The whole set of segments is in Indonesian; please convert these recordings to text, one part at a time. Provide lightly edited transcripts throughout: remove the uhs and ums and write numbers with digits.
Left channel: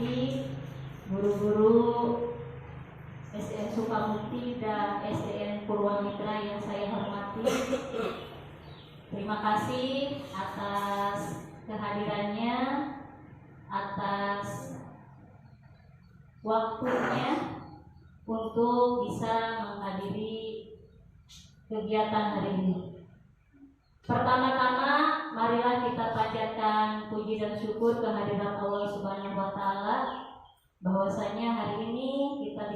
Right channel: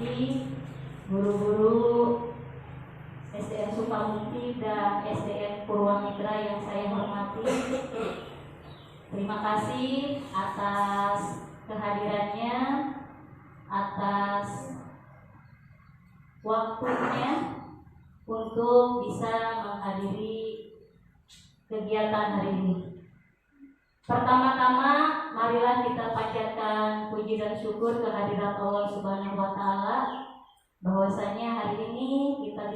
hormati, guru-guru SDN Sukamukti dan SDN Purwamitra yang saya hormati, terima kasih atas kehadirannya, atas waktunya untuk bisa menghadiri kegiatan hari ini. Pertama-tama, marilah kita panjatkan puji dan syukur kehadirat Allah Subhanahu wa Ta'ala, bahwasanya hari ini kita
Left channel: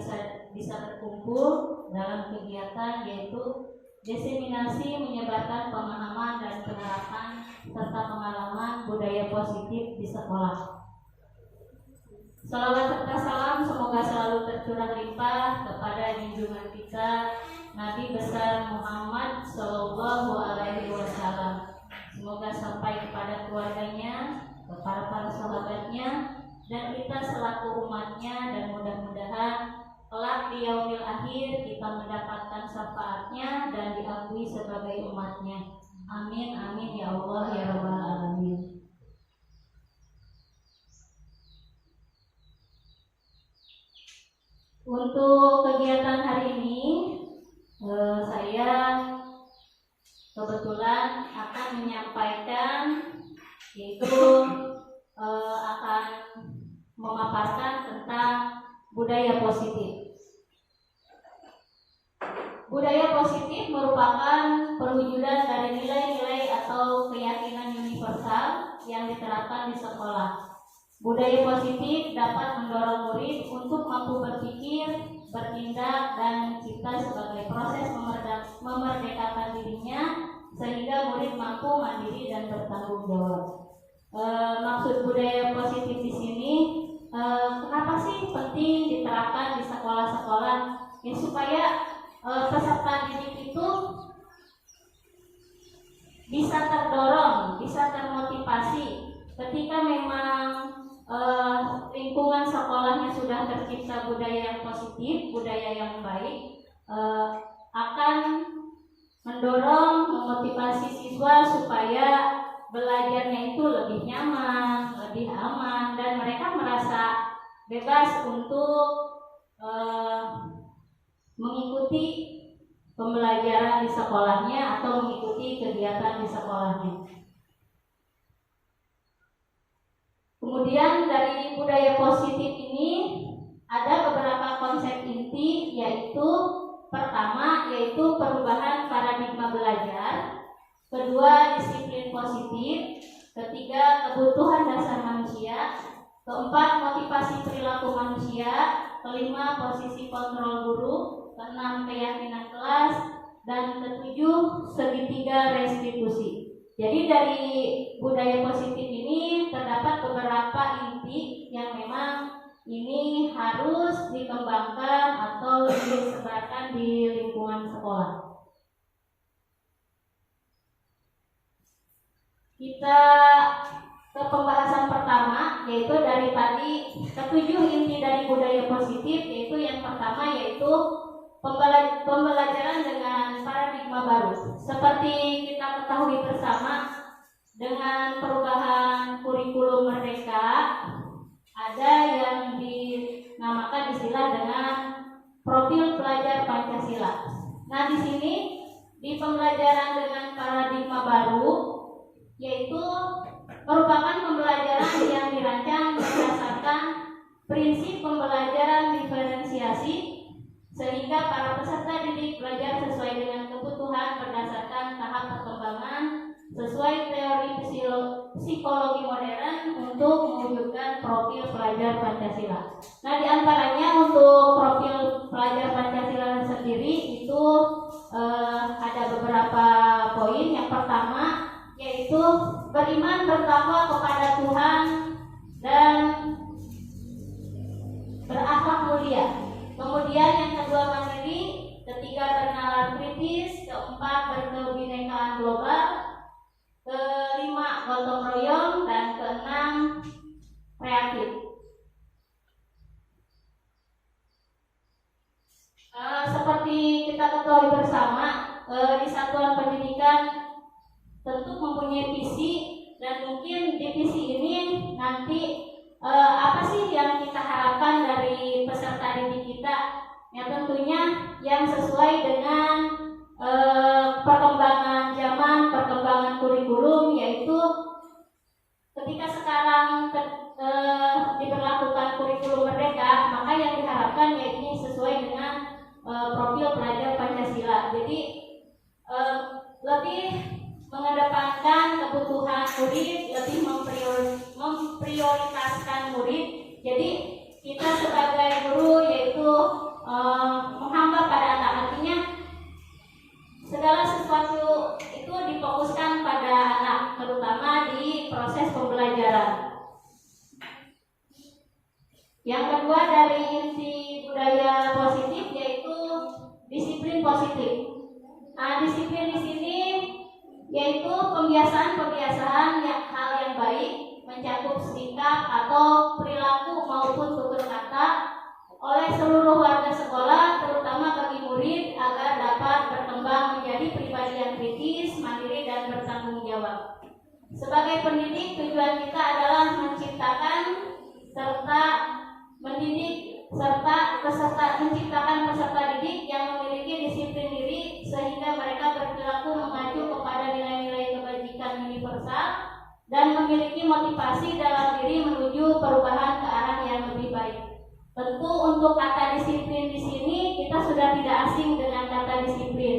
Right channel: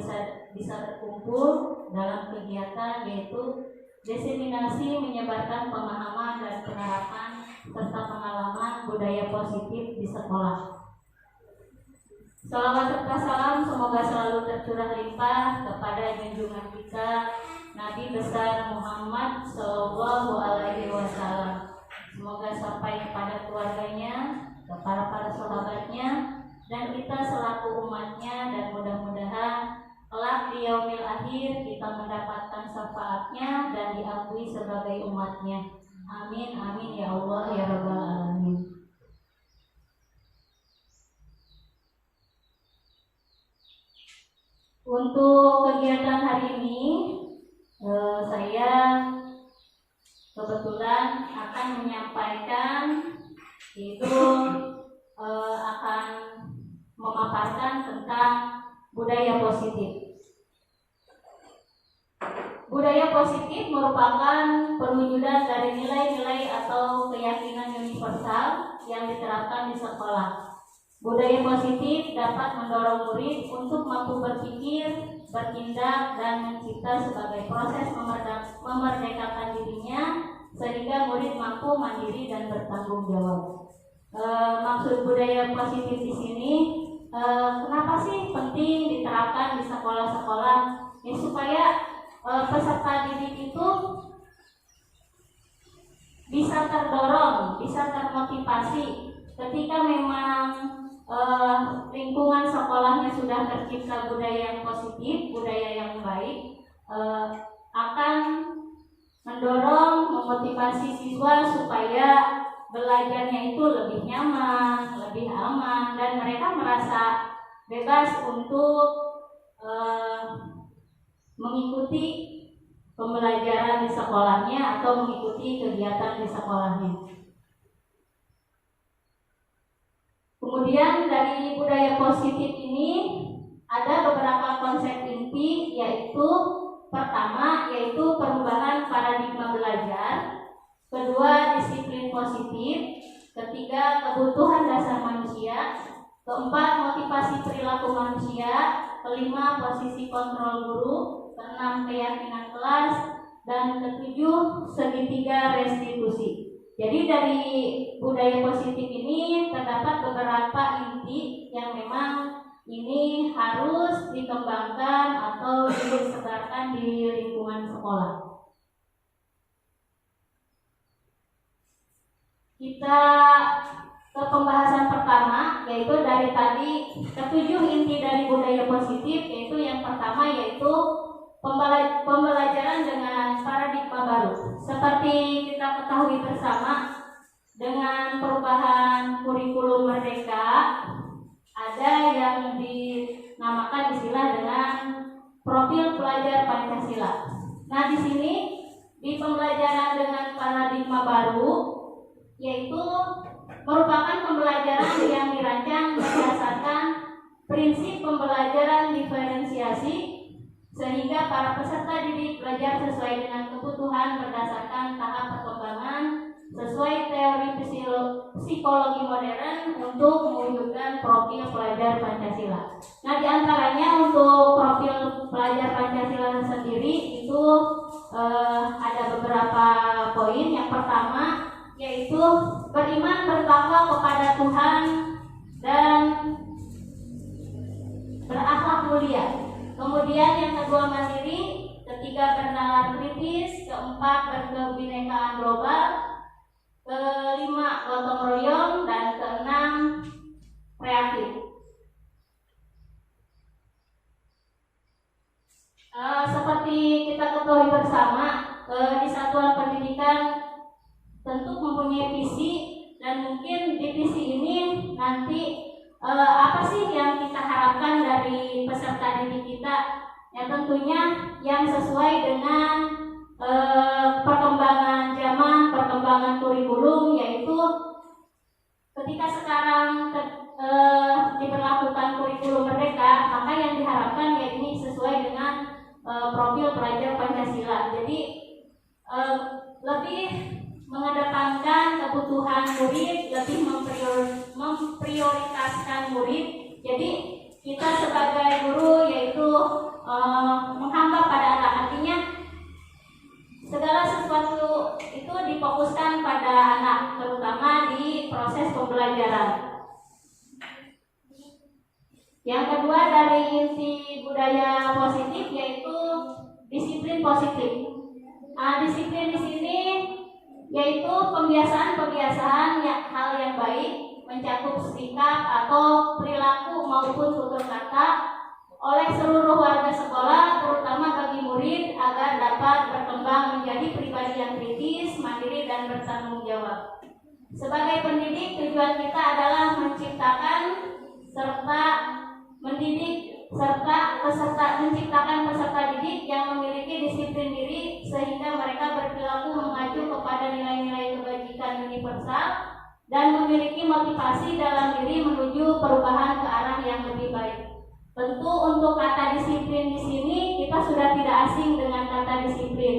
bisa berkumpul dalam kegiatan yaitu diseminasi menyebarkan pemahaman dan penerapan serta pengalaman budaya positif di sekolah. Salawat serta salam semoga selalu tercurah limpah kepada junjungan kita Nabi besar Muhammad Sallallahu Alaihi Wasallam. Semoga sampai kepada keluarganya, kepada para sahabatnya, dan kita selaku umatnya, dan mudah-mudahan kelak di yaumil akhir kita mendapatkan syafaatnya dan diakui sebagai umatnya. Amin amin ya Allah ya Rabbal Alamin. Untuk kegiatan hari ini saya kebetulan akan menyampaikan, yaitu akan memaparkan tentang budaya positif. Budaya positif merupakan perwujudan dari nilai-nilai atau keyakinan universal yang diterapkan di sekolah. Budaya positif dapat mendorong murid untuk mampu berpikir, bertindak, dan mencipta sebagai proses memerdekakan dirinya sehingga murid mampu mandiri dan bertanggung jawab. Maksud budaya positif di sini, kenapa sih penting diterapkan di sekolah-sekolah? Ya, supaya peserta didik itu bisa terdorong, bisa termotivasi ketika memang lingkungan sekolahnya sudah tercipta budaya yang positif, budaya yang baik, akan mendorong, memotivasi siswa supaya belajarnya itu lebih nyaman, lebih aman, dan mereka merasa bebas untuk mengikuti pembelajaran di sekolahnya atau mengikuti kegiatan di sekolahnya. Kemudian dari budaya positif ini ada beberapa konsep inti, yaitu pertama yaitu perubahan paradigma belajar, kedua disiplin positif, ketiga kebutuhan dasar manusia, keempat motivasi perilaku manusia, kelima posisi kontrol guru, keenam keyakinan kelas, dan ketujuh segitiga restitusi. Jadi dari budaya positif ini terdapat beberapa inti yang memang ini harus dikembangkan atau disebarkan di lingkungan sekolah. Kita ke pembahasan pertama, yaitu dari tadi ketujuh inti dari budaya positif, yaitu yang pertama yaitu pembelajaran dengan paradigma baru. Seperti kita ketahui bersama, dengan perubahan kurikulum merdeka, ada yang dinamakan istilah dengan profil pelajar Pancasila. Nah, di sini di pembelajaran dengan paradigma baru, yaitu merupakan pembelajaran yang dirancang berdasarkan prinsip pembelajaran diferensiasi, sehingga para peserta didik belajar sesuai dengan kebutuhan berdasarkan tahap perkembangan sesuai teori psikologi modern untuk mewujudkan profil pelajar Pancasila. Nah, di antaranya untuk profil pelajar Pancasila sendiri itu ada beberapa poin. Yang pertama yaitu beriman bertakwa kepada Tuhan dan berakhlak mulia. Kemudian yang kedua mandiri, ketiga bernalar kritis, keempat berkebinekaan global, kelima gotong royong, dan keenam kreatif. Seperti kita ketahui bersama, di satuan pendidikan tentu mempunyai visi, dan mungkin di visi ini nanti apa sih sih yang kita harapkan dari peserta didik kita? Ya tentunya yang sesuai dengan perkembangan zaman, perkembangan kurikulum, yaitu ketika sekarang diberlakukan kurikulum merdeka, maka yang diharapkan ya ini sesuai dengan profil pelajar Pancasila. Jadi lebih mengedepankan kebutuhan murid, lebih memprioritaskan murid. Jadi kita sebagai guru yaitu menghamba pada anak, artinya segala sesuatu itu difokuskan pada anak, terutama di proses pembelajaran. Yang kedua dari inti budaya positif yaitu disiplin positif. Nah, disiplin di sini yaitu pembiasaan hal yang baik, mencakup sikap atau perilaku maupun tutur kata oleh seluruh warga sekolah, terutama bagi murid agar dapat berkembang menjadi pribadi yang kritis, mandiri dan bertanggung jawab. Sebagai pendidik, tujuan kita adalah menciptakan peserta didik yang memiliki disiplin diri sehingga mereka berperilaku mengacu kepada nilai-nilai kebajikan universal dan memiliki motivasi dalam diri menuju perubahan ke arah yang lebih baik. Tentu untuk kata disiplin di sini kita sudah tidak asing dengan kata disiplin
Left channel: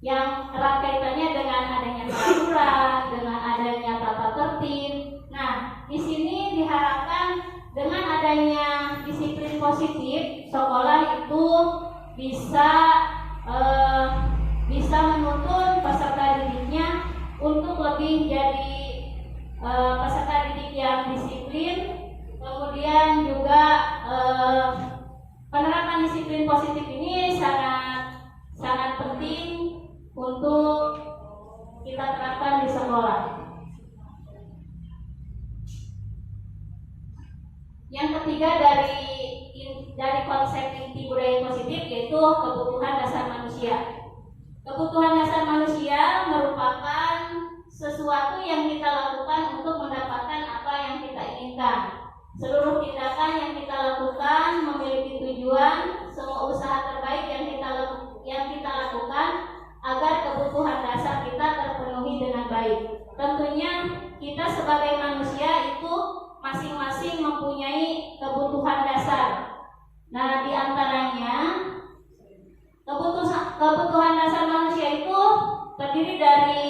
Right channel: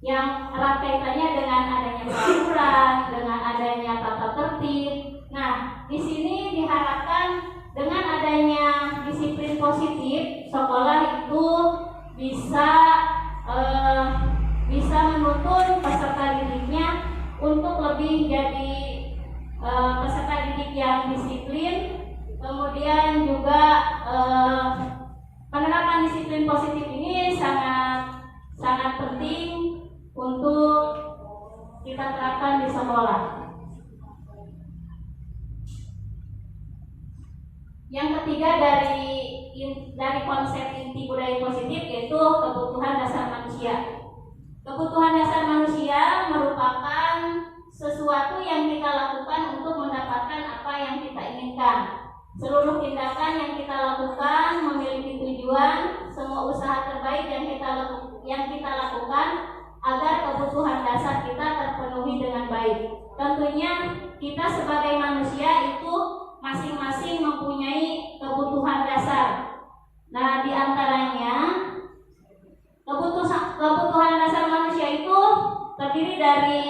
yang erat kaitannya dengan adanya peraturan, dengan adanya tata tertib. Nah, di sini diharapkan dengan adanya disiplin positif, sekolah itu bisa menuntun peserta didiknya untuk lebih jadi peserta didik yang disiplin. Kemudian juga penerapan disiplin positif ini sangat penting untuk kita terapkan di sekolah. Yang ketiga dari konsep inti budaya positif yaitu kebutuhan dasar manusia. Kebutuhan dasar manusia merupakan sesuatu yang kita lakukan untuk mendapatkan apa yang kita inginkan. Seluruh tindakan yang kita lakukan memiliki tujuan, semua usaha terbaik yang kita lakukan agar kebutuhan dasar kita terpenuhi dengan baik. Tentunya kita sebagai manusia itu masing-masing mempunyai kebutuhan dasar. Nah, di antaranya kebutuhan dasar manusia itu terdiri dari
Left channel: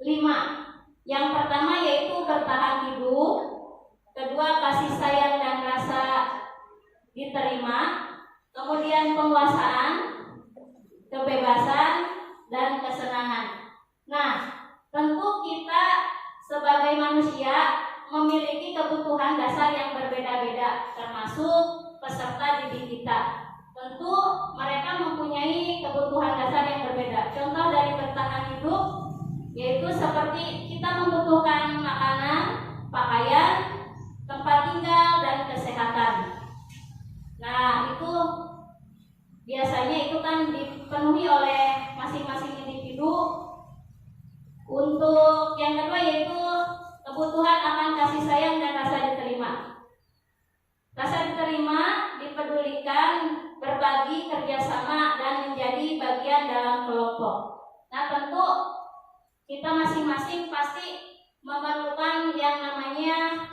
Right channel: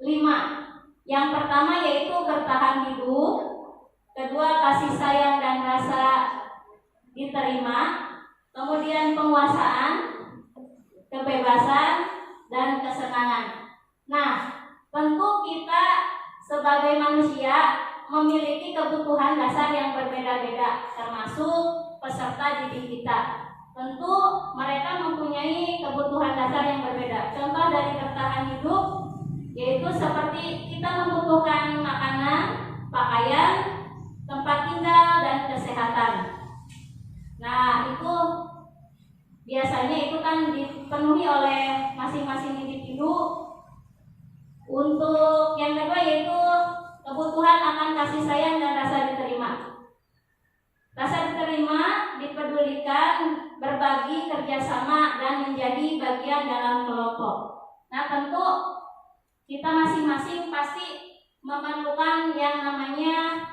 5. Yang pertama yaitu bertahan hidup, kedua kasih sayang dan rasa diterima, kemudian penguasaan, kebebasan, dan kesenangan. Nah, tentu kita sebagai manusia memiliki kebutuhan dasar yang berbeda-beda, termasuk peserta didik kita. Tentu mereka mempunyai kebutuhan dasar yang berbeda. Contoh dari bertahan hidup yaitu seperti kita membutuhkan makanan, pakaian, tempat tinggal, dan kesehatan. Nah, itu biasanya itu kan dipenuhi oleh masing-masing individu. Untuk yang kedua yaitu kebutuhan akan kasih sayang dan rasa diterima. Rasa diterima, dipedulikan, berbagi, kerjasama, dan menjadi bagian dalam kelompok. Nah, tentu kita masing-masing pasti memerlukan yang namanya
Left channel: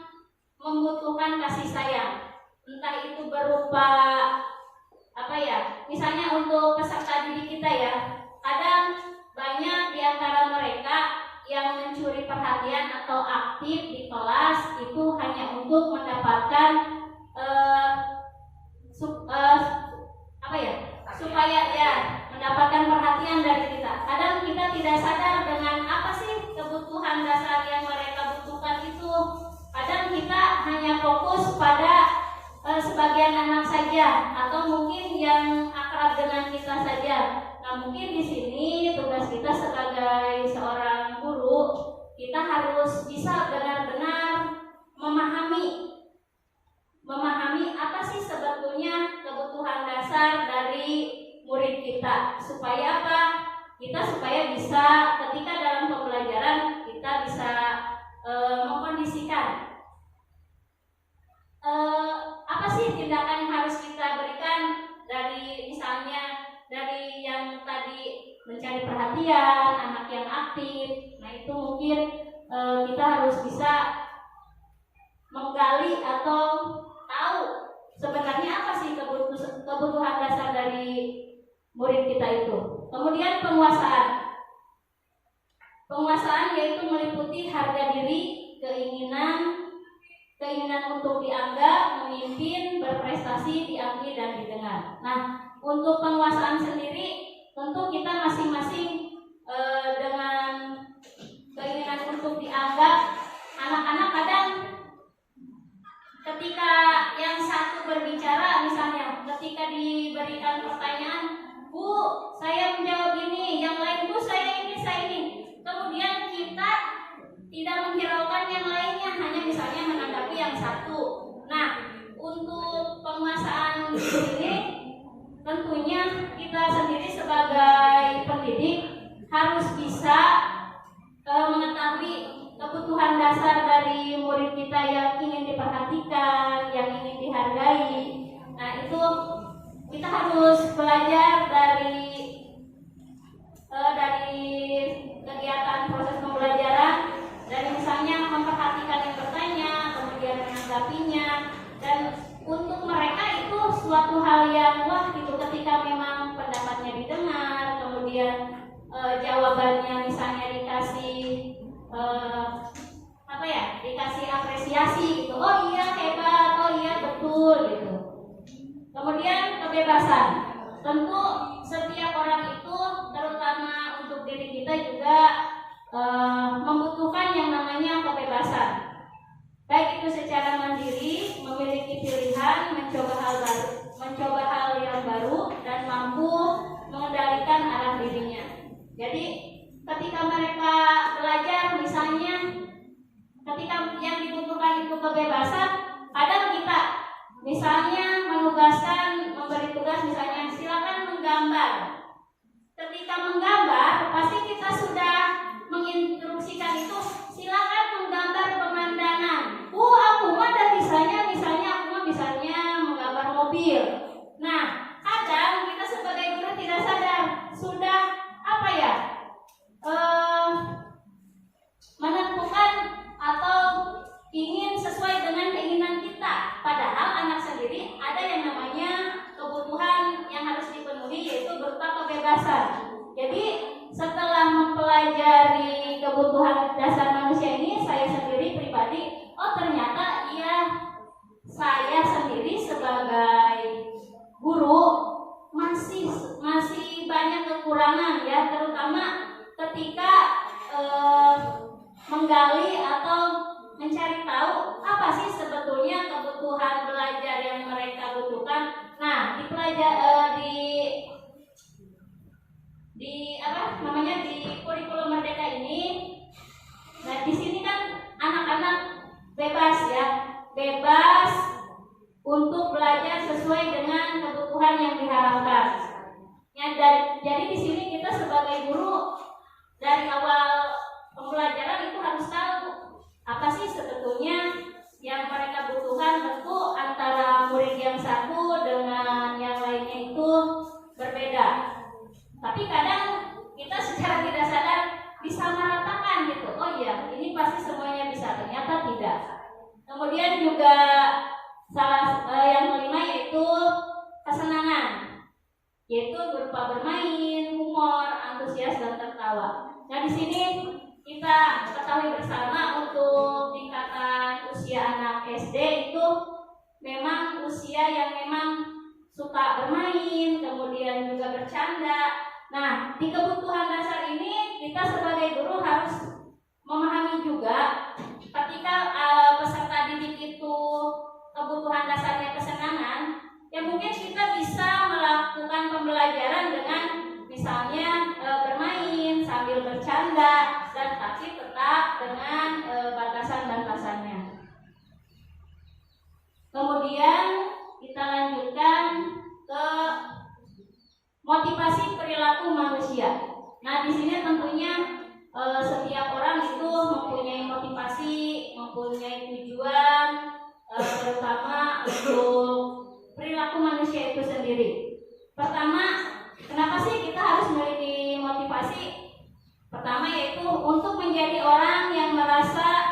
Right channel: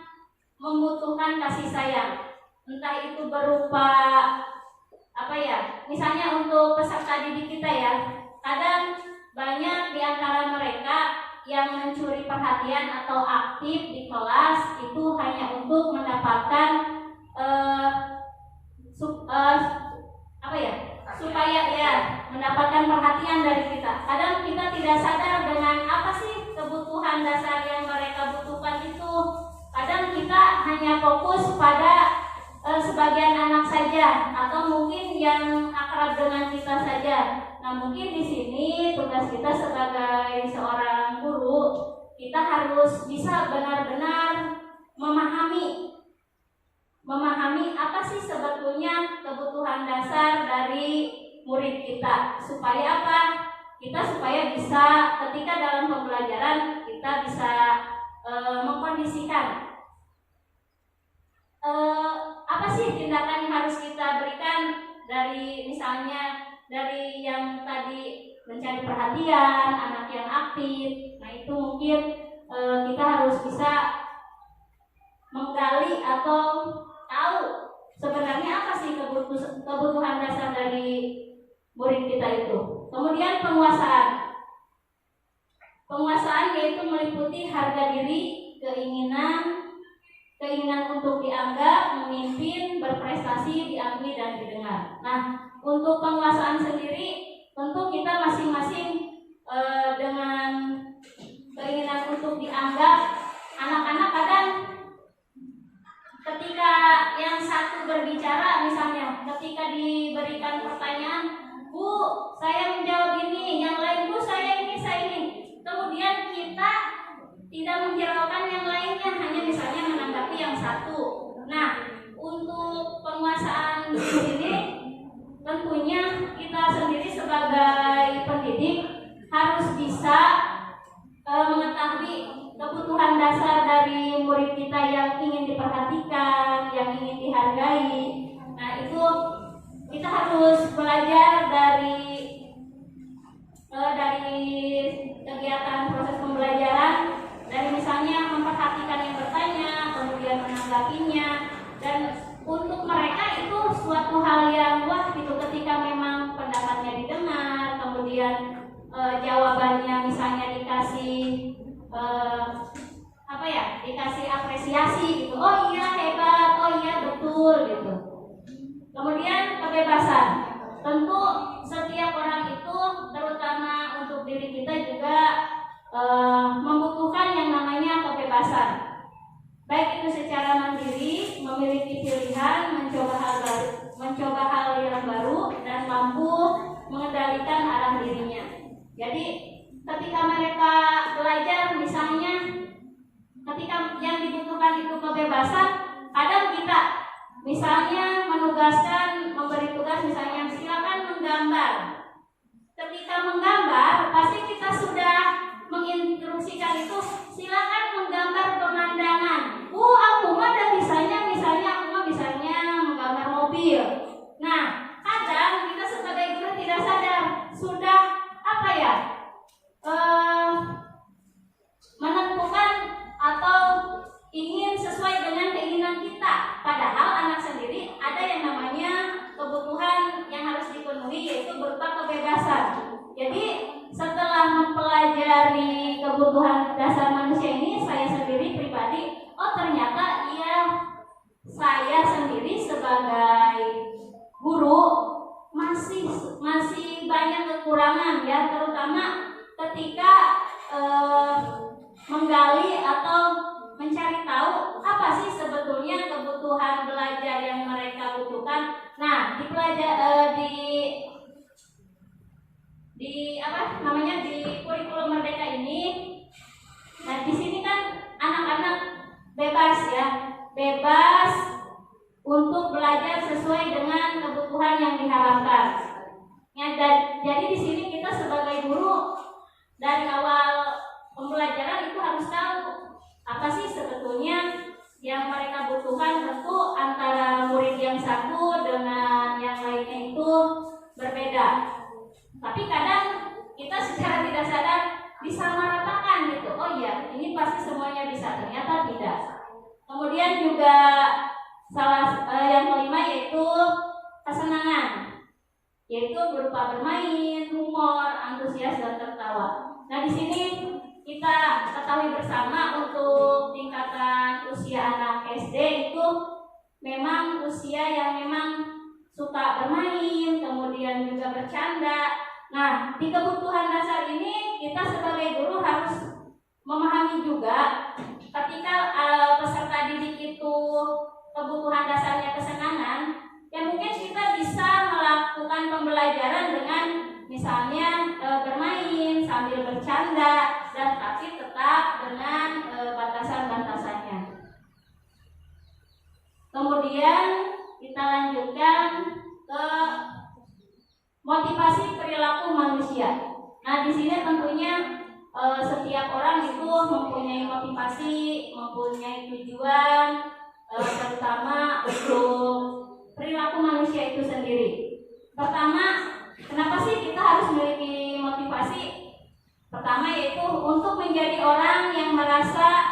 membutuhkan kasih sayang. Entah itu berupa misalnya untuk peserta didik kita ya, kadang banyak di antara mereka yang mencuri perhatian atau aktif di kelas itu hanya untuk mendapatkan supaya mendapatkan perhatian dari kita. Kadang kita tidak sadar dengan apa sih kebutuhan dasar yang mereka butuhkan itu. Kadang kita hanya fokus pada sebagian anak saja atau mungkin yang akrab dengan kita saja. Nah, mungkin di sini tugas kita sebagai seorang guru, kita harus bisa benar-benar memahami apa sih sebetulnya kebutuhan dasar dari murid kita. Supaya apa? Supaya bisa ketika dalam pembelajaran kita bisa mengkondisikan sih tindakan yang harus kita berikan, dari misalnya dari yang tadi mencari perhatian, anak yang aktif. Nah itu mungkin kita harus bisa menggali atau tahu sebenarnya apa sih kebutuhan dasar dari murid kita itu. Kemudian penguasaan. Penguasaan yaitu meliputi harga diri, keinginan untuk dianggap, memimpin, berprestasi, diakui dan didengar. Nah, untuk penguasaan sendiri tentu kita masing-masing dengan keinginan untuk dianggap. Anak-anak kadang ketika yang satu berbicara, misalnya ketika diberikan pertanyaan, Bu, saya menjawab ini, yang lain, Bu, saya ini. Kemudian kita tidak menghiraukan yang lainnya, hanya misalnya menanggapi yang satu. Nah, untuk penguasaan ini tentunya kita sendiri sebagai pendidik harus bisa mengetahui kebutuhan dasar dari murid kita yang ingin diperhatikan, yang ingin dihargai. Nah, itu kita harus belajar dari kegiatan proses pembelajaran, dari misalnya memperhatikan yang bertanya, kemudian menanggapinya, dan untuk mereka itu suatu hal yang wah gitu ketika memang pendapatnya didengar, kemudian jawabannya misalnya dikasih dikasih apresiasi gitu, oh iya hebat, oh iya betul gitu. Kemudian kebebasan, tentu setiap orang itu terutama untuk diri kita juga membutuhkan yang namanya kebebasan, baik itu secara mandiri, memiliki pilihan, mencoba hal yang baru, dan mampu mengendalikan arah dirinya. Jadi ketika mereka belajar, misalnya ketika yang dibutuhkan itu kebebasan, kadang kita misalnya memberi tugas misalnya silakan menggambar. Ketika menggambar, pasti kita sudah menginstruksikan itu, silakan menggambar pemandangan. Aku mah ada misalnya menggambar mobil. Nah, kadang kita sebagai guru tidak sadar sudah menentukan atau ingin sesuai dengan keinginan kita. Padahal anak sendiri ada yang namanya kebutuhan yang harus dipenuhi, yaitu berupa kebebasan. Jadi setelah mempelajari kebutuhan dasar manusia ini, saya sendiri pribadi, ternyata saya sendiri sebagai guru masih banyak kekurangan ya, terutama ketika menggali atau mencari tahu apa sih sebetulnya kebutuhan belajar yang mereka butuhkan. Nah, di kurikulum Merdeka ini, nah di sini kan anak-anak bebas untuk belajar sesuai dengan kebutuhan yang diharapkan. Ya, jadi di sini kita sebagai guru dari awal pembelajaran itu harus tahu apa sih sebetulnya yang mereka butuhkan. Tentu antara murid yang satu dengan yang lainnya itu berbeda. Tapi kadang kita secara tidak sadar disamaratakan gitu. Oh iya, ini pasti semuanya bisa, ternyata tidak. Kemudian juga yang kelima yaitu kesenangan, yaitu berupa bermain, humor, antusias dan tertawa. Nah, di sini kita ketahui bersama untuk tingkatan usia anak SD itu memang usia yang memang suka bermain, kemudian juga bercanda. Nah, di kebutuhan dasar ini kita sebagai guru harus memahami juga ketika peserta didik itu kebutuhan dasarnya kesenangan, ya mungkin kita bisa melakukan pembelajaran dengan misalnya bermain sambil bercanda, dan tapi tetap dengan batasan-batasannya. Kemudian kita lanjutkan ke motivasi perilaku manusia. Nah, di sini tentunya setiap orang itu mempunyai motivasi, mempunyai tujuan, terutama untuk sendiri. Pertama, kenapa sih kita harus memiliki motivasi? Pertama yaitu untuk menjadi orang yang merasa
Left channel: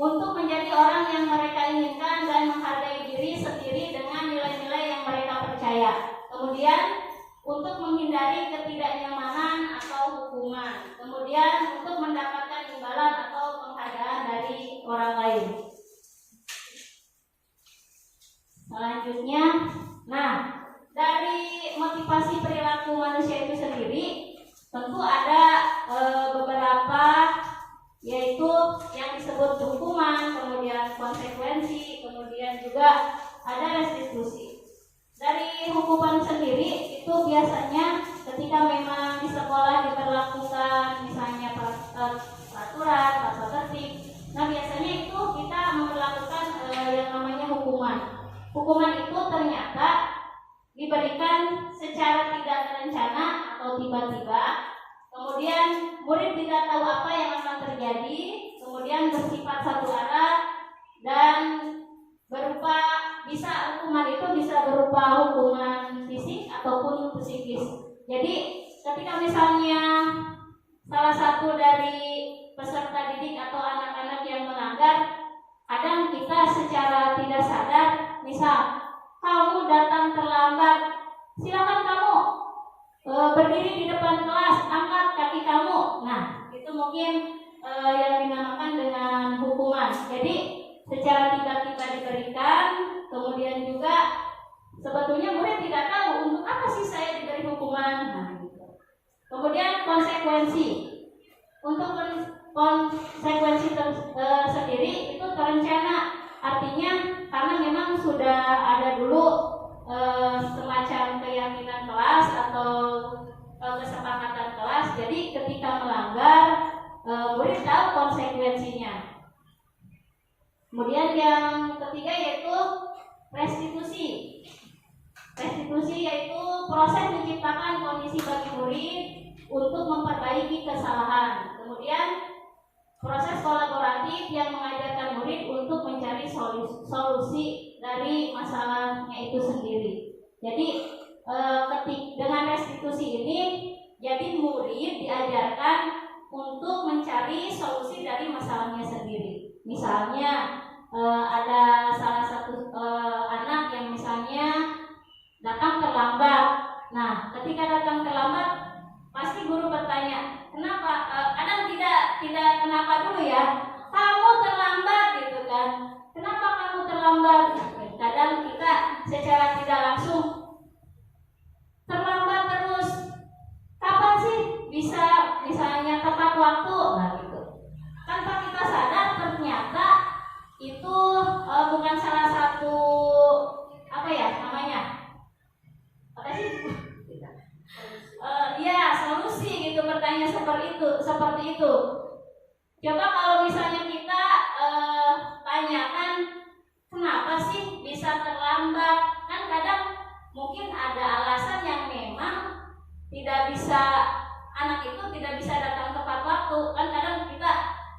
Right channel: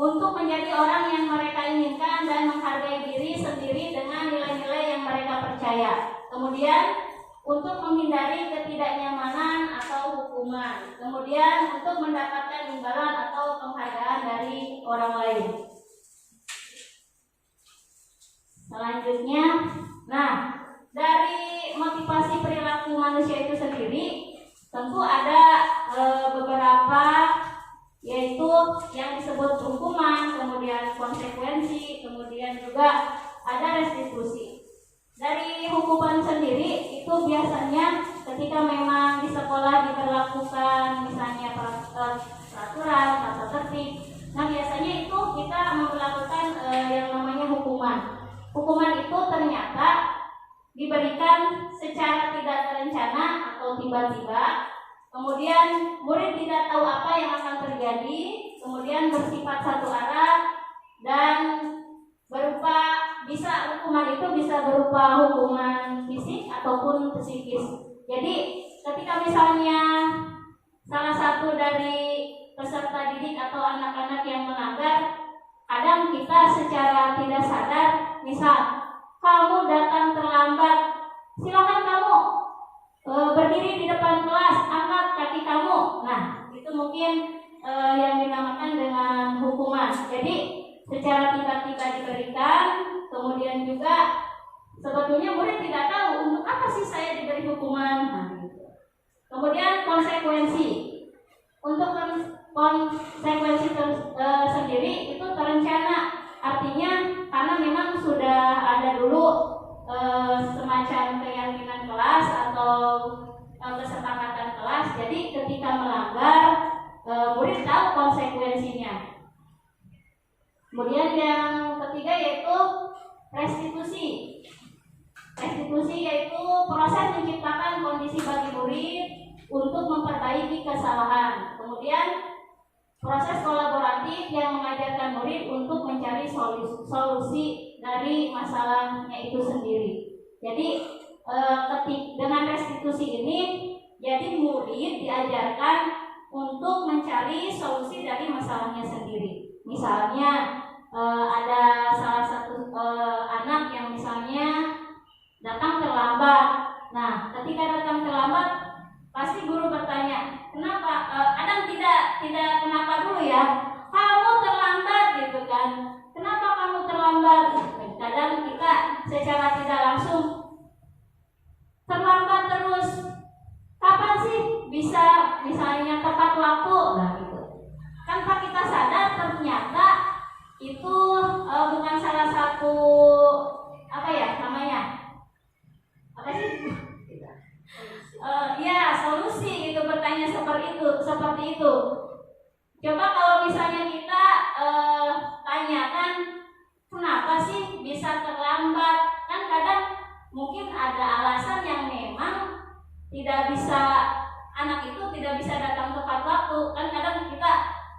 untuk menjadi orang yang mereka inginkan dan menghargai diri sendiri dengan nilai-nilai yang mereka percaya. Kemudian untuk menghindari ketidaknyamanan atau hukuman. Kemudian untuk mendapatkan imbalan atau penghargaan dari orang lain. Selanjutnya, dari motivasi perilaku manusia itu sendiri tentu ada beberapa, yaitu yang disebut hukuman, kemudian konsekuensi, kemudian juga ada restitusi. Dari hukuman sendiri itu biasanya ketika memang di sekolah diberlakukan misalnya peraturan, tata tertib. Nah biasanya itu kita memperlakukan yang namanya hukuman. Hukuman itu ternyata diberikan secara tidak terencana atau tiba-tiba. Kemudian murid tidak tahu apa yang akan terjadi, kemudian bersifat satu arah dan hukuman itu bisa berupa hukuman fisik ataupun psikis. Jadi ketika misalnya salah satu dari peserta didik atau anak-anak yang melanggar, kadang kita secara tidak sadar, misal kamu datang terlambat, silakan kamu berdiri di depan kelas, angkat kaki kamu. Nah, itu mungkin yang dinamakan dengan hukuman. Jadi secara tiba-tiba diberikan, kemudian juga sebetulnya murid tidak tahu untuk apa sih saya diberi hukuman. Nah, gitu. Kemudian konsekuensi. Untuk konsekuensi sendiri itu terencana, artinya karena memang sudah ada dulu semacam keyakinan kelas atau kesepakatan kelas. Jadi ketika melanggar, murid tahu konsekuensinya. Kemudian yang ketiga yaitu restitusi. Restitusi yaitu proses menciptakan kondisi bagi murid untuk memperbaiki kesalahan. Kemudian proses kolaboratif yang mengajarkan murid untuk mencari solusi dari masalahnya itu sendiri. Jadi dengan restitusi ini, jadi murid diajarkan untuk mencari solusi dari masalahnya sendiri. Misalnya ada salah satu anak yang misalnya datang terlambat. Nah, ketika datang terlambat, pasti guru bertanya, kenapa? Kadang tidak kenapa dulu ya. Kamu terlambat gitu kan? Kenapa kamu terlambat? Kadang kita secara tidak langsung terlambat terus. Kapan sih bisa misalnya tepat waktu? Nah gitu. Tanpa kita sadar ternyata itu bukan salah satu solusi gitu, bertanya seperti itu. Coba kalau misalnya kita tanyakan kenapa sih bisa terlambat, kan kadang mungkin ada alasan yang memang anak itu tidak bisa datang tepat waktu, kan kadang kita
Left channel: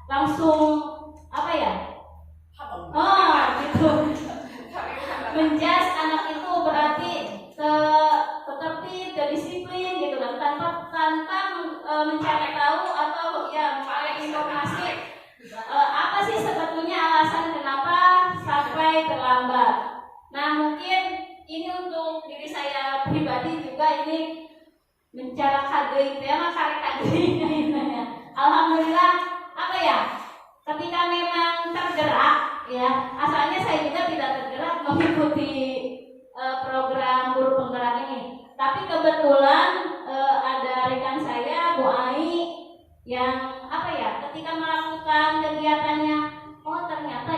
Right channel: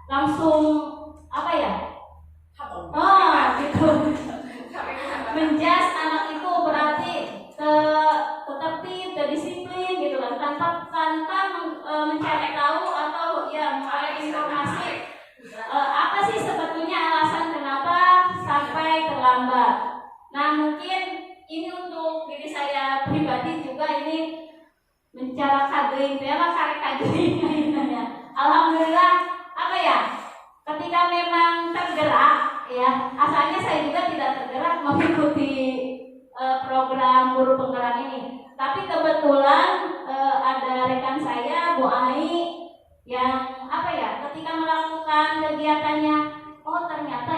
langsung gitu menjas anak itu berarti tertib, disiplin gitu kan, tanpa mencari tahu atau mengenai informasi apa sih sebetulnya alasan kenapa sampai terlambat. Nah mungkin ini untuk diri saya pribadi juga ini mencari kadeuing alhamdulillah ketika memang tergerak asalnya saya juga tidak tergerak mengikuti program guru penggerak ini, tapi kebetulan ada rekan saya Bu Ai yang ketika melakukan kegiatannya, ternyata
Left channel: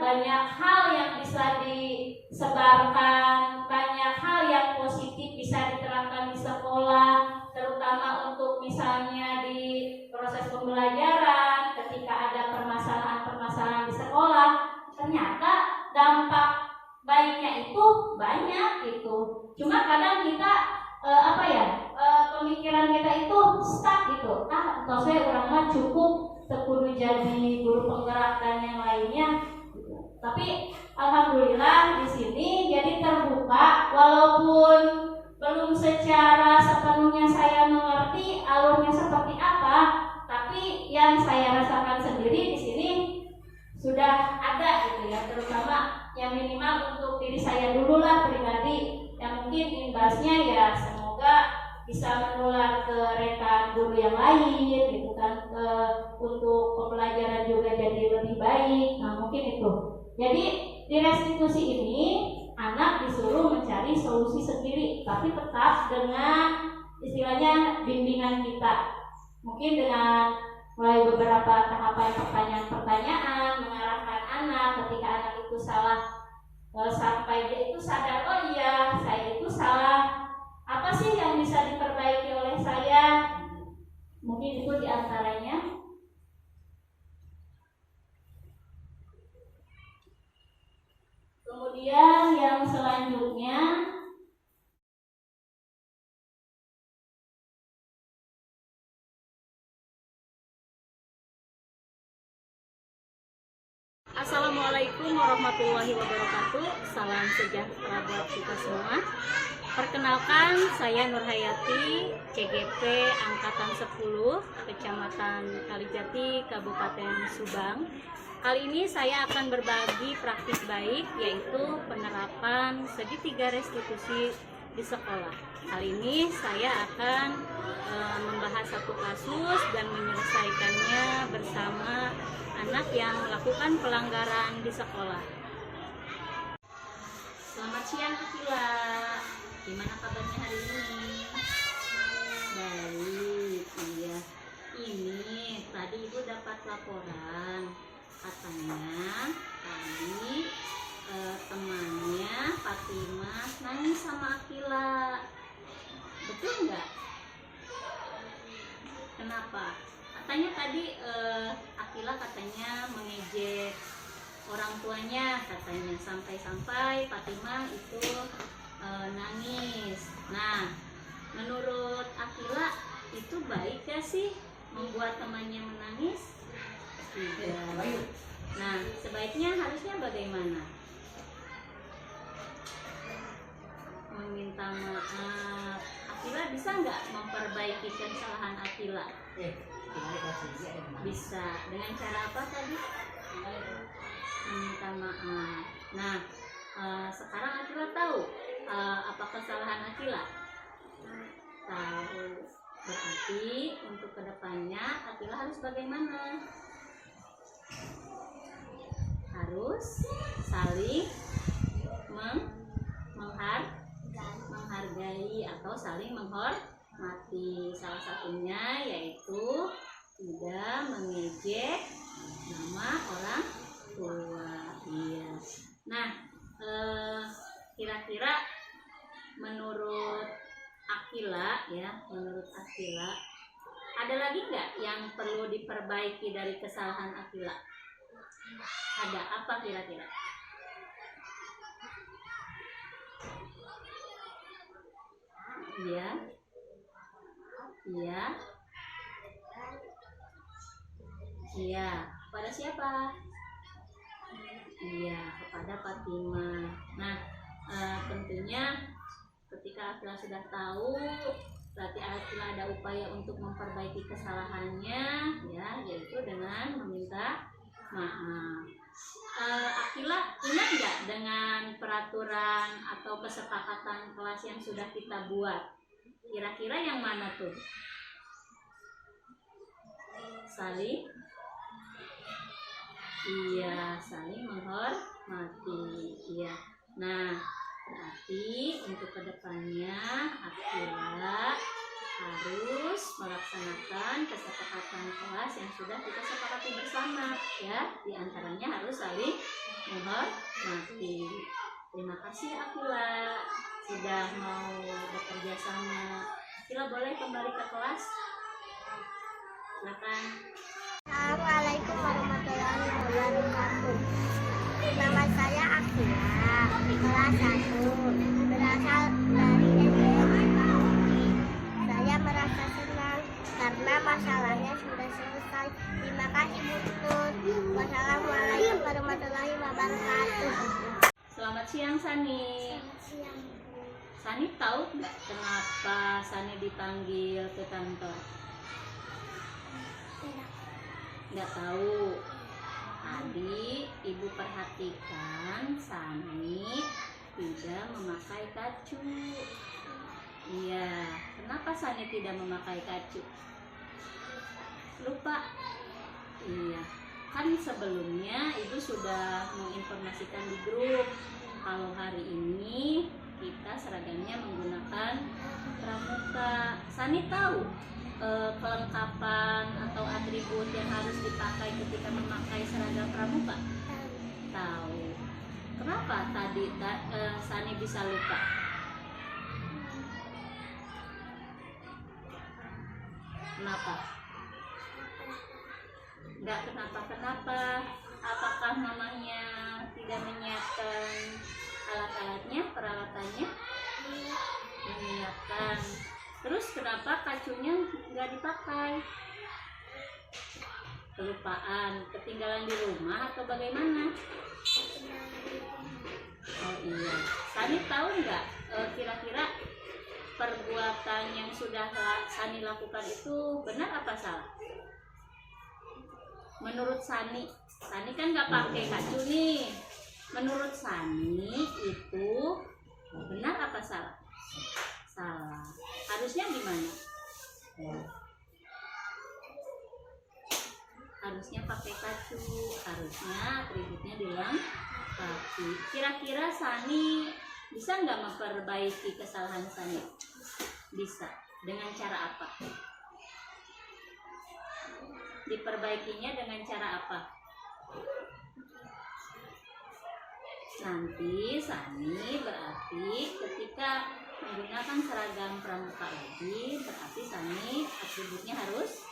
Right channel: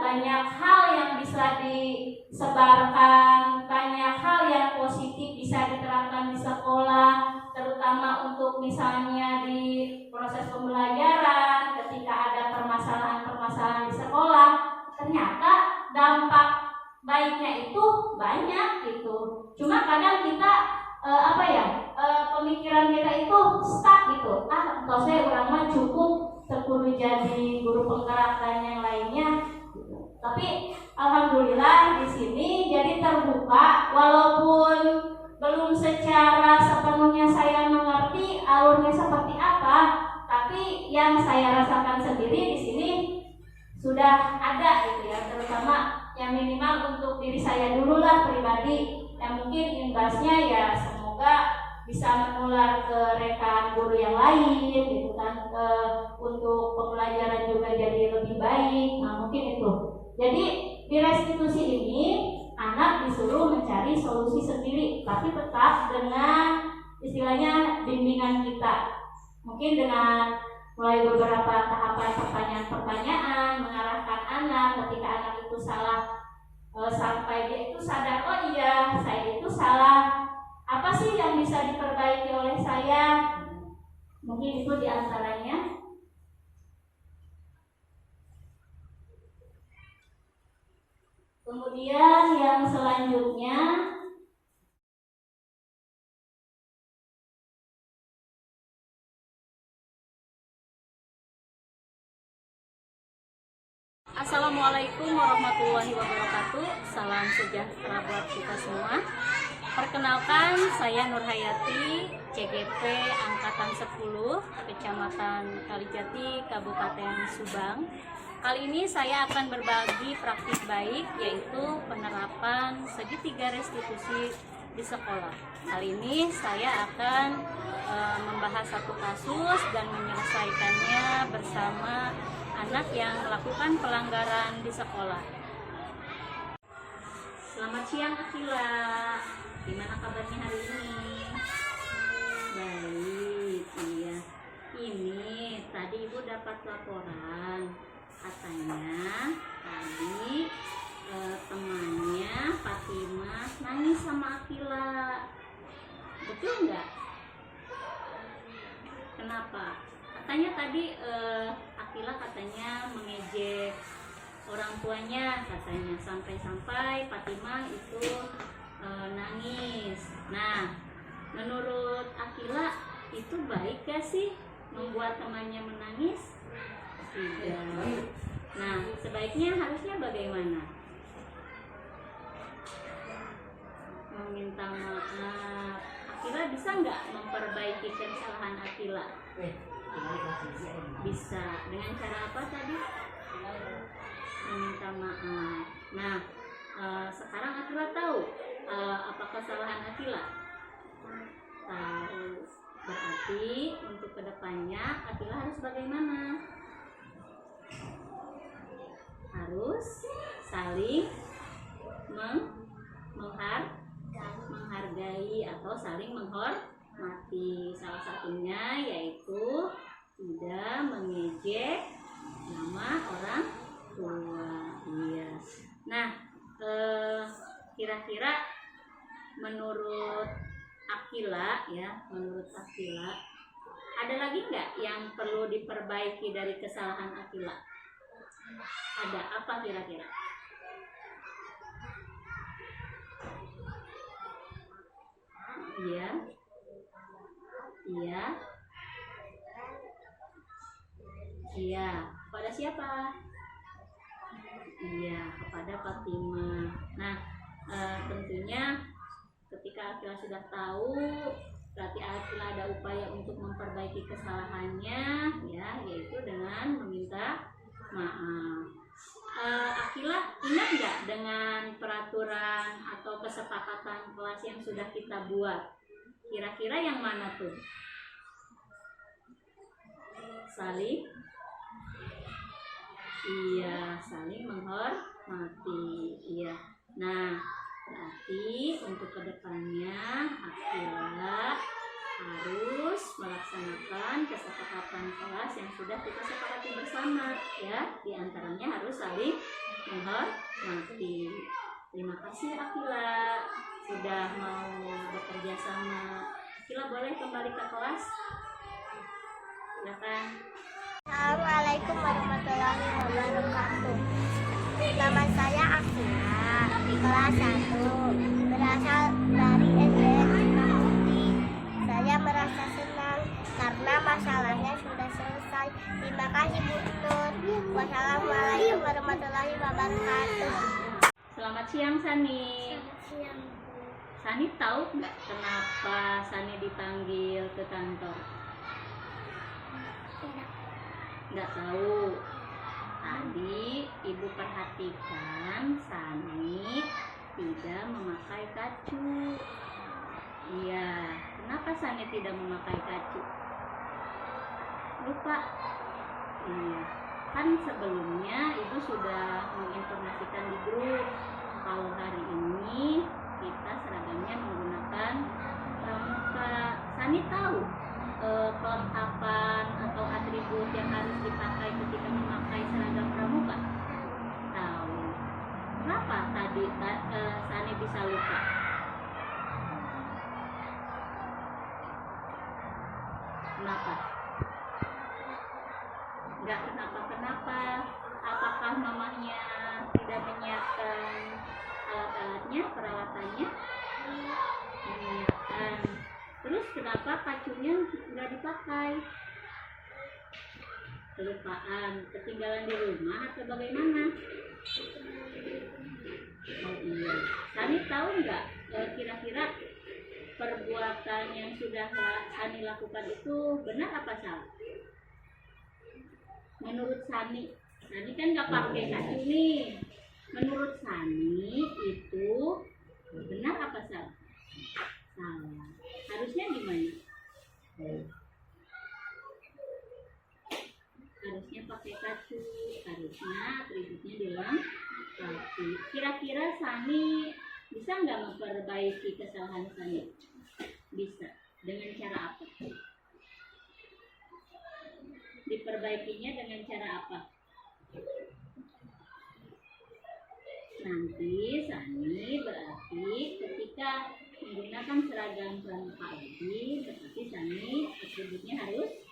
banyak hal yang bisa disebarkan, banyak hal yang positif bisa diterapkan di sekolah, terutama untuk misalnya di proses pembelajaran ketika ada permasalahan-permasalahan di sekolah, ternyata dampak baiknya itu banyak gitu. Cuma kadang kita pemikiran kita itu stuck gitu. Saya orang mah cukup terkudu jadi guru penggerak dan yang lainnya. Tapi alhamdulillah di sini jadi terbuka, walaupun belum secara sepenuhnya saya mengerti alurnya seperti apa, tapi yang saya rasakan sendiri di sini sudah ada gitu ya, terutama yang minimal untuk diri saya dulu lah pribadi, yang mungkin imbasnya ya semoga bisa menular ke rekan guru yang lain gitu kan, untuk pembelajaran juga jadi lebih baik. Nah mungkin itu. Jadi di restitusi ini anak disuruh mencari solusi sendiri, tapi tetap dengan istilahnya bimbingan kita. Mungkin dengan mulai beberapa tahapan pertanyaan-pertanyaan, mengarahkan anak ketika anak itu salah, sampai dia itu sadar, oh iya saya itu salah, apa sih yang bisa diperbaiki oleh saya. Mungkin itu diantaranya. Kemudian yang selanjutnya, Assalamualaikum warahmatullahi wabarakatuh. Salam sejahtera buat kita semua. Perkenalkan, saya Nurhayati, CGP Angkatan 10, Kecamatan Kalijati, Kabupaten Subang. Kali ini saya akan berbagi praktik baik, yaitu penerapan segitiga restitusi di sekolah. Kali ini saya akan membahas satu kasus dan menyelesaikannya bersama anak yang melakukan pelanggaran di sekolah. Selamat siang Akila, gimana kabarnya hari ini? Baik, iya. Ini tadi Ibu dapat laporan, katanya tadi temannya Fatimah nangis sama Akila. Betul nggak? Kenapa? Katanya tadi Akila katanya mengejek orang tuanya, katanya sampai-sampai Fatimah itu nangis. Nah, menurut Akila itu baik gak sih membuat temannya menangis? Tidak. Nah, sebaiknya harusnya bagaimana? Meminta maaf. Akila bisa nggak memperbaiki kesalahan Akila? Bisa. Dengan cara apa tadi? Meminta maaf. Nah, sekarang Akila tahu apa kesalahan Akila? Tahu. Berarti untuk kedepannya Akila harus bagaimana? Harus saling menghargai atau saling menghormati. Salah satunya yaitu tidak mengejek nama orang tua. Iya. Nah, kira-kira menurut Akila ya, ada lagi nggak yang perlu diperbaiki dari kesalahan Akila? Ada apa kira-kira? Iya. Kepada siapa? Iya, kepada Fatimah. Nah, tentunya ketika Akila sudah tahu, berarti Akila ada upaya untuk memperbaiki kesalahannya, ya, yaitu dengan meminta maaf. Akila ingat nggak dengan peraturan atau kesepakatan kelas yang sudah kita buat? Kira-kira yang mana tuh? Saling menghormati. Iya. Nah, berarti untuk kedepannya Akila harus melaksanakan kesepakatan kelas yang sudah kita sepakati bersama, ya. Di antaranya harus saling menghormati. Terima kasih Akila sudah mau bekerja sama. Akila boleh kembali ke kelas? Silakan. Assalamualaikum warahmatullahi wabarakatuh. Nama saya Akila, kelas 1, berasal dari SD Sukabumi. Saya merasa senang karena masalahnya sudah selesai. Terima kasih Bu Tutut. Wassalamualaikum warahmatullahi wabarakatuh. Selamat siang Sani. Selamat siang. Sani tahu nggak kenapa Sani dipanggil ke kantor? Tidak. Nggak tahu. Tadi ibu perhatikan Sani tidak memakai kacu. Iya, kenapa Sani tidak memakai kacu? Lupa. Iya, kan sebelumnya ibu sudah menginformasikan di grup kalau hari ini kita seragamnya menggunakan pramuka. Sani tahu kelengkapan atau atribut yang harus dipakai ketika memakai seragam pramuka? Tahu. Kenapa tadi Sani bisa lupa? Kenapa? Enggak kenapa-kenapa. Apakah mamanya tidak menyiapkan alat-alatnya, peralatannya? Menyiapkan. Terus kenapa kacunya nggak dipakai? Kelupaan, ketinggalan di rumah atau bagaimana? Oh iya, Sani tahu nggak kira-kira perbuatan yang sudah Sani lakukan itu benar apa salah? Menurut Sani kan nggak pakai kacu nih. Menurut Sani itu benar apa salah? Salah. Harusnya gimana? Harusnya pakai kacu, harusnya atributnya dilengkapi. Kira-kira Sani bisa nggak memperbaiki kesalahan Sani? Bisa. Dengan cara apa? Diperbaikinya dengan cara apa? Nanti Sani berarti ketika menggunakan seragam pramuka lagi, berarti Sani atributnya harus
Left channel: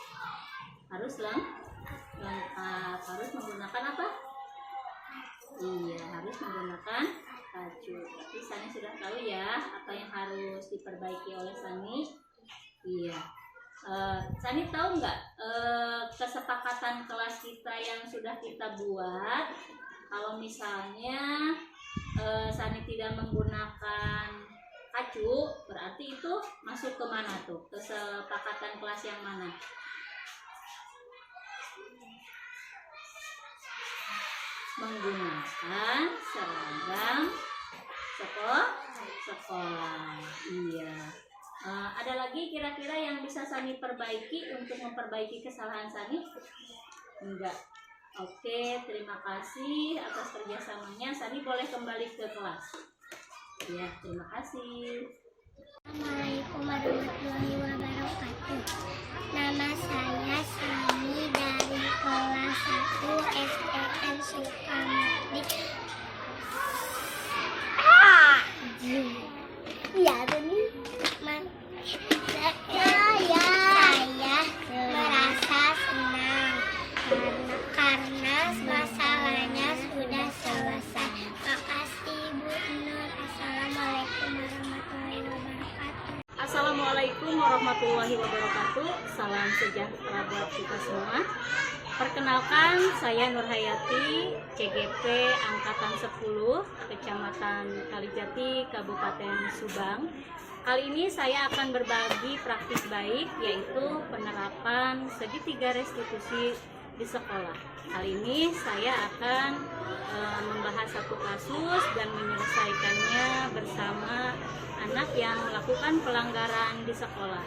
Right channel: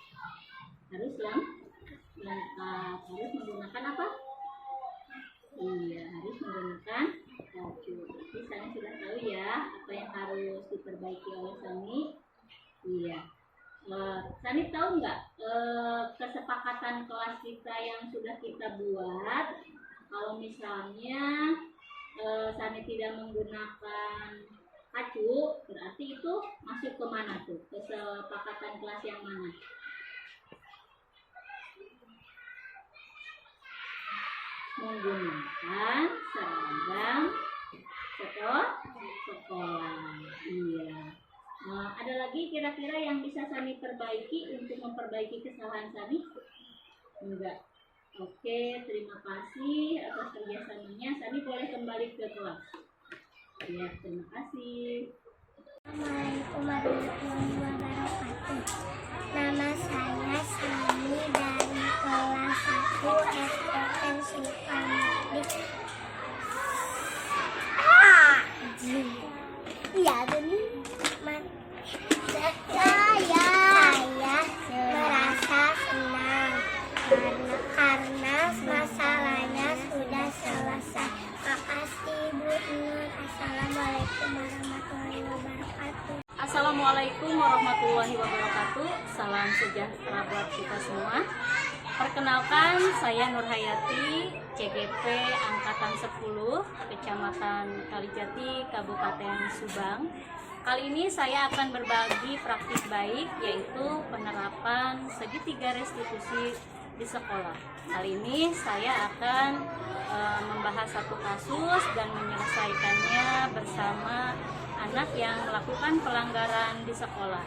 lengkap. Harus menggunakan apa? Iya, harus menggunakan kacu. Berarti Sani sudah tahu ya apa yang harus diperbaiki oleh Sani. Iya. Sani tahu nggak kesepakatan kelas kita yang sudah kita buat? Kalau misalnya Sani tidak menggunakan kacu, berarti itu masuk ke mana tuh? Kesepakatan kelas yang mana? Menggunakan seragam sekolah. Iya. Ada lagi kira-kira yang bisa Sani perbaiki untuk memperbaiki kesalahan Sani? Enggak. Oke, terima kasih atas kerjasamanya. Sani boleh kembali ke kelas. Ya, terima kasih. Assalamualaikum warahmatullahi wabarakatuh. Nama saya Sani dari kelas 1 SDN Sukamukti. Iya, ini saya merasa senang karena masalahnya sudah selesai. Makasih Bu Nur. Assalamualaikum warahmatullahi wabarakatuh. Assalamualaikum warahmatullahi wabarakatuh. Salam sejahtera buat kita semua. Perkenalkan, saya Nur Hayati, CGP Angkatan 10, Kecamatan Kalijati, Kabupaten Subang. Kali ini saya akan berbagi praktik baik, yaitu penerapan segitiga restitusi di sekolah. Kali ini saya akan membahas satu kasus dan menyelesaikannya bersama anak yang melakukan pelanggaran di sekolah.